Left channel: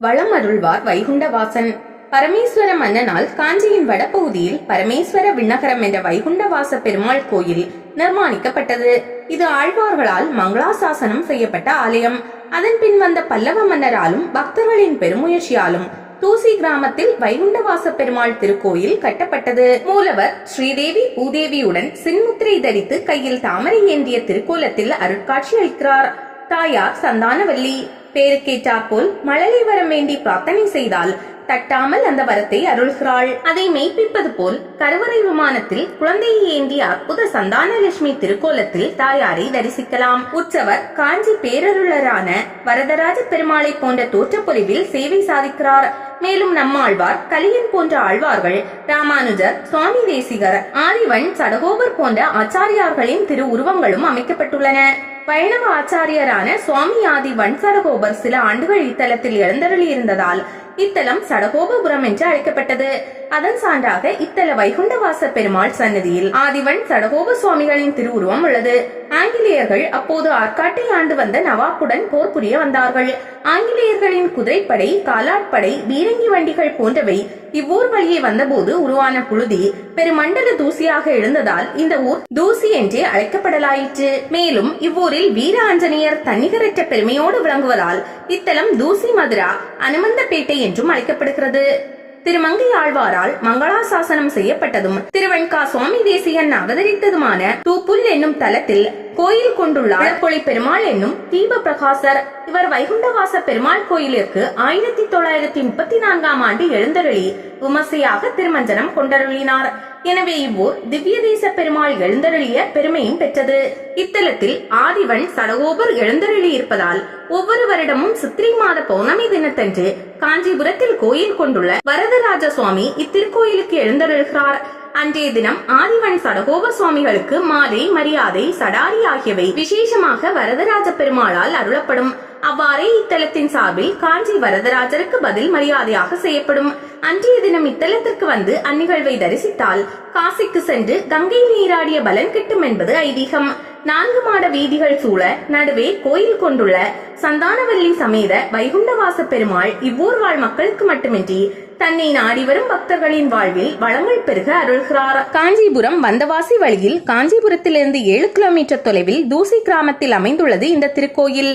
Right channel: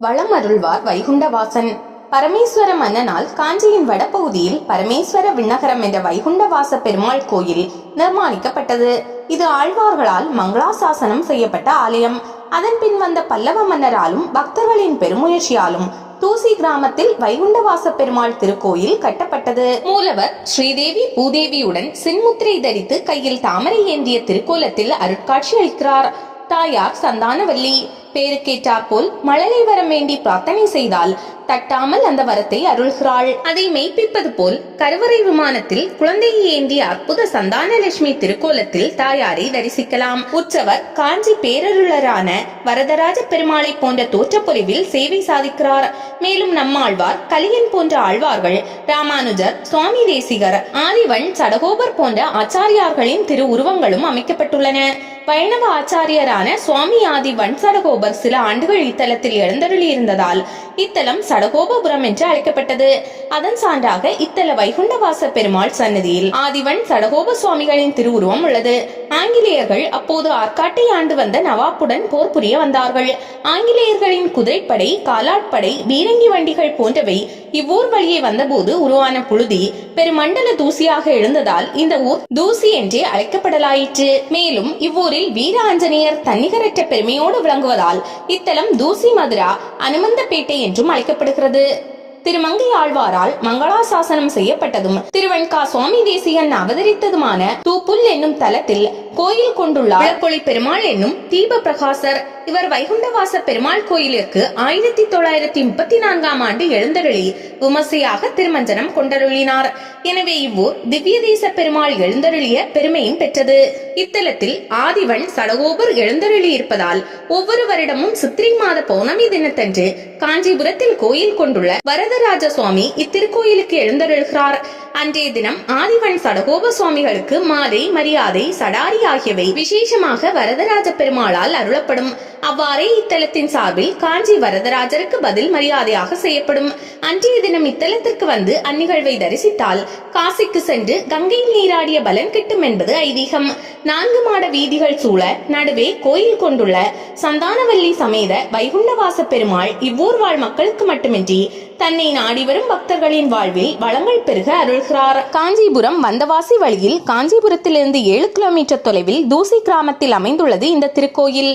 வளம் அருள்வார் வைகுண்டவாசன். பரமேஸ்வர மன்னனால் காஞ்சியின் வடபகுதியில் பரமேஸ்வர விண்ணகரம் என்ற வைகுண்டவாச பெருமாள் கோயில் நிர்மாணிக்கப்பட்டது. இது ஆழ்வார்களால் மங்களாசாசனம் செய்யப்பட்ட ஆலயம். அதன் பின் வந்த பல்லவ மன்னராலும் பக்தர்களின் பெருமுயற்சியாலும் தூசி கிராமத்தில் வைகுண்டவாச பெருமாள் திருக்கோயில் கட்டப்பட்டது. மூலவர் ஸ்ரீதேவி பூதேவியுடன் சின்முத்திரை தரித்து கையில் தாமரை ஏந்திய திருக்கோலத்தில் அருட்காட்சி அளிக்கிறார். தாயார் சந்தானவல்லி. பேருக்கேற்றாற்போல் மழலை வரம் வேண்டி பிரார்த்தனை செய்தால் தட்டாமல் அந்த வரத்தை அருள்கிறாள். அதை மெய்ப்பிப்பது போல் கருவறை விமானத்தில் குழந்தையை ஏந்திய அற்புத சந்தானலட்சுமி திருக்கோலத்தில் தாயாரை தரிசிக்கலாம். உற்சவர் காஞ்சி பேரருளரான வரதராஜ பெருமாளை போன்ற தோற்றப்பொலிவில் சேவை சாதிக்கிறார். மேலும் நம்மாழ்வார் கலியன் போன்ற ஆழ்வார்கள் ராமானுஜர் சுவாமி தேசிகர் ஆரிவன் சடகோபர் போன்ற ஆச்சாரியார்களின் திரு உருவங்களும் அமைக்கப்பட்டுள்ளன. வைணவ ஆச்சாரியரான சுவாமி ஆதி வன்சடகோபர் சில ஆண்டுகள் இத்தலத்தில் எழுந்தருளி இருந்ததால் இத்தலம் சடகோபபுரம் என்று அழைக்கப்பட்டது. அதன் சான்றாக இத்தல வைகுண்டவாச பெருமாள் சன்னதியில் ஆதிவன் சடகோப சுவாமிகளின் திருவுருவம் உள்ளது. ஆங்கிலேயர்கள் அப்போது ஆற்காட்டை ஆண்டு வந்த நவாப்புடன் போர் புரிய வந்தார்கள். ஆங்கிலேயர்களின் குதிரைப்படை காலாட்படை பீரங்கி வண்டிகள் போன்றவை இவ்வூர் வழியே வந்தபோது உருவான புழுதி பெருமண்டல தூசியாக எழுந்ததால் இந்த ஊர் தூசி என்றே அழைக்கப்படலாயிற்று. மேலும் இவ்வூரில் வீர ஆஞ்சநேயர் தன்னிகரற்ற பெருமையோடு விளங்குவதால் இத்தலம் தூசி மதுரா அனுமந்தப்பேட்டை என்றும் அழைக்கப்படுகிறது. திருமங்கை ஆழ்வாரால் மங்களாசாசனம் செய்யப்பட்டதும் திருவெண்கா சுவாமி தேசியன் அவதரித்ததுமான தூப்புல் என்னும் தலத்தில் கோயில் கொண்டுள்ள இளப்பொழி பெருமாள் என்னும் தீப பிரகாசர் இவர் வைகுண்டவாச பெருமாள் கோயிலிற்கு ஆயிரத்தி தொள்ளாயிரத்தி முப்பத்தி நான்காம் ஆண்டு எழுந்தருளி விமர்சையாக திருமஞ்சனம் கொண்டருளினார். எனவே இவ்வூர் திவ்ய தேச பெருமாள் எழுந்தருளிய பெருமையும் பெற்றது. இத்தலத்தில் ஆதிவன் சடகோபர் எழுந்தருளி இருப்பதால் ஒவ்வொரு வருடமும் சித்திரை மாத பௌர்ணமி தினத்தன்று காஞ்சிபுரத்தில் கோயில் கொண்டுள்ள வர வரதராஜ சுவாமி இத்திருக்கோயிலுக்கு எழுந்தருள்கிறார். அன்றைய தினம் ஆதிவன் சடகோப சுவாமிகளுக்கு மாதை மரியாதை சடாரி ஆகியவை விசேஷமாக வரதராஜ பெருமாளால் அருளப்படும். அவ்வாறே இத்தலத்தின் சார்பில் காஞ்சி வரதராஜருக்கு பதில் மரியாதையாக செய்யப்படும். அன்றைய தினம் இத்தலத்திற்கு வந்து அந்நிகழ்வை தரிசித்தால் காசிக்கு சென்று கங்கை நீராடிய பலன் கிட்டும் என்பது ஐதீகம். நான்கு மாட வீதிகள் சூழ நடுவே கோயில் கொண்டுள்ள சந்தானவல்லி சமேத வைகுண்டவாச பெருமாள் இவ்வூர் வாழ் மக்களுக்கு மட்டுமின்றி தன்னை நாடி வரும் பக்தர்களின் வாழ்வில் வளங்கள் பெருக அருள் அருள்கிறார் காஞ்சிபுரம் வந்தவாசி வழியில் காஞ்சிபுரத்திலிருந்து ஏழு கிலோமீட்டர் தொலைவில் தூசி கிராமத்தில் அமைந்துள்ளது இந்த திருக்கோயில்.